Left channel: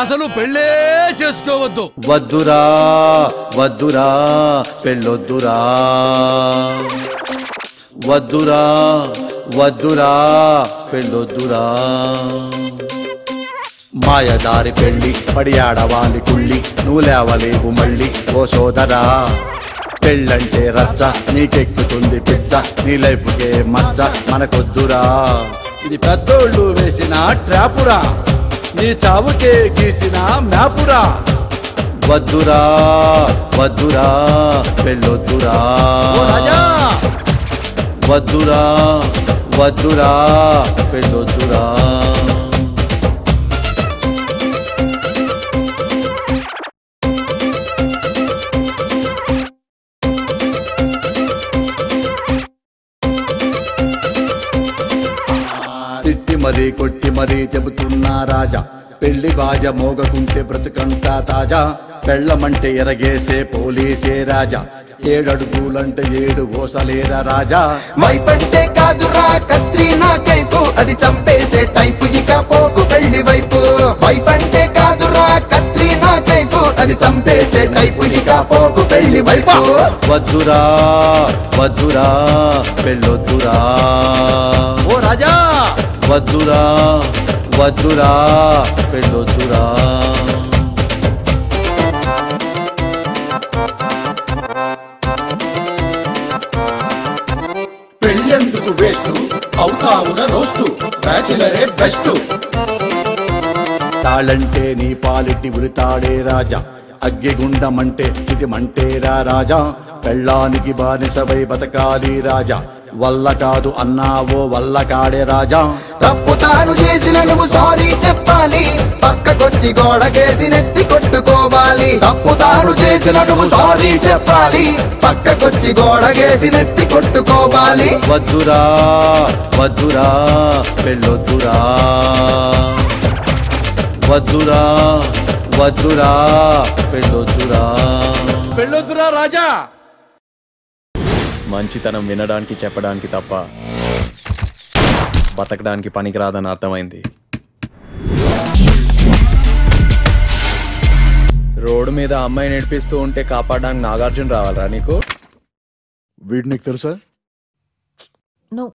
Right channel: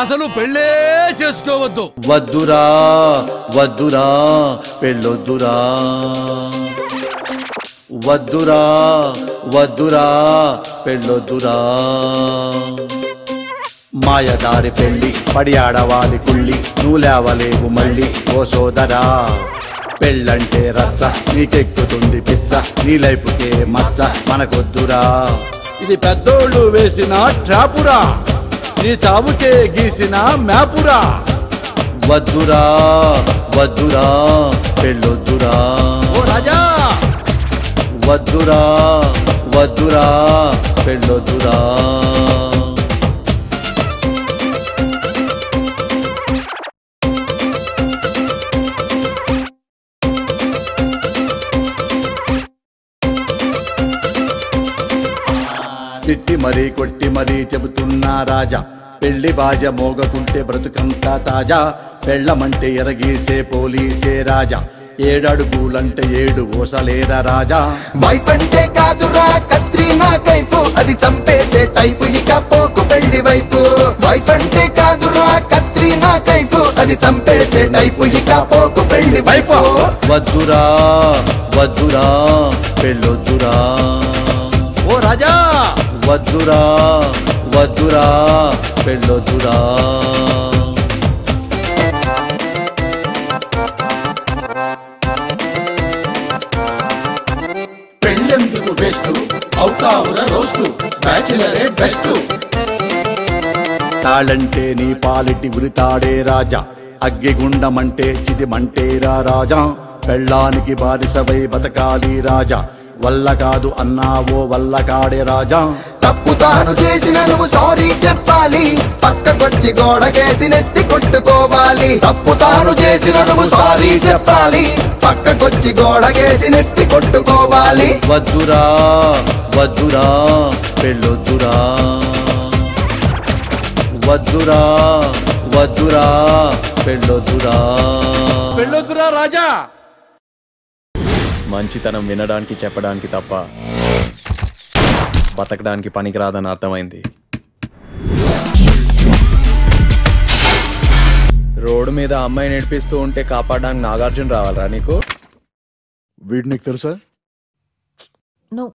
అసలు పెళ్ళే చేసుకోవద్దు. వద్దురా వద్దురా పెళ్ళొద్దురా, వద్దురా వద్దురా పెళ్ళొద్దురా. మాయదారి పెళ్లి పడి ఆడవాలి కుళ్ళి, నువ్వు లేవలేవు మళ్ళీ ఓ సోదరా. పెళ్ళంటే రచ్చ, నీకెక్కుతుంది పిచ్చ, నీ లైఫ్కే మచ్చ మనకొద్దురా. ఇది పెద్దోళ్ళు వేసిన ట్రాపురా, నీ చావుకే గీసిన మ్యాపురా. వద్దురా వద్దురా పెళ్ళొద్దురా. ఓ రాజా వద్దురా వద్దురా పెళ్ళొద్దురా. తిట్టి మరీ కొట్టి మరీ చెబుతున్నా రాజా, పెళ్లి బాజ మోగకుంటే బ్రతుకంతా తాజా. పెళ్ళమంటే ఎరగేసే పోలీసే రాజా, 7 అడుగులంటే 7 ఓసలేరా రాజా. వైఫ్ అంటే కాదురా కత్రీనా కైఫు, అది చంపేసే టైపు, ఇక పోకు పెళ్లి వైపు. వైఫ్ అంటే కాదురా కత్రీనా కైఫు, అది చంపేసే టైపు, ఇక పోకు పెళ్లి వైపు. వద్దురా వద్దురా పెళ్ళొద్దురా. ఓ రాజా వద్దురా వద్దురా పెళ్ళొద్దురా. పెళ్ళెందుకు వేస్తూ అవుతావున రోస్తూ, బ్యాచిలరే బెస్ట్. తాళంటే నీ పాలిటి ఉరితాడే రాజా, అగ్గిగుండమంటే చిదిమంటేరా రాజా. పెళ్ళానికి బానిసవై బతకాలి రాజా, వల్ల కాదు అన్నావో వల్లగాడే రాజా. తప్పుతారు చేసిన నువ్వు సారీ చెప్పాలి, పక్కకొచ్చి గోడకేసి నెత్తి కొట్టుకోవాలి. తప్పుతారు చేసిన నువ్వు సారీ చెప్పాలి, పక్కకొచ్చి గోడకేసి నెత్తి కొట్టుకోవాలి. వద్దురా వద్దురా పెళ్ళొద్దురా. వద్దురా వద్దురా పెళ్ళొద్దురా. పెళ్ళొద్దురా రాజా. మంచితనం వినడానికి చెప్పడానికి తప్ప బతకడానికి పనికిరాదని అర్థమైంది. రోడ్డు మీద అమ్మాయి నడిపిస్తూ ఉంటే కాపాడడానికి నాగార్జున రావాలరా నీకు? వీడు నీకు తెలుసా? No.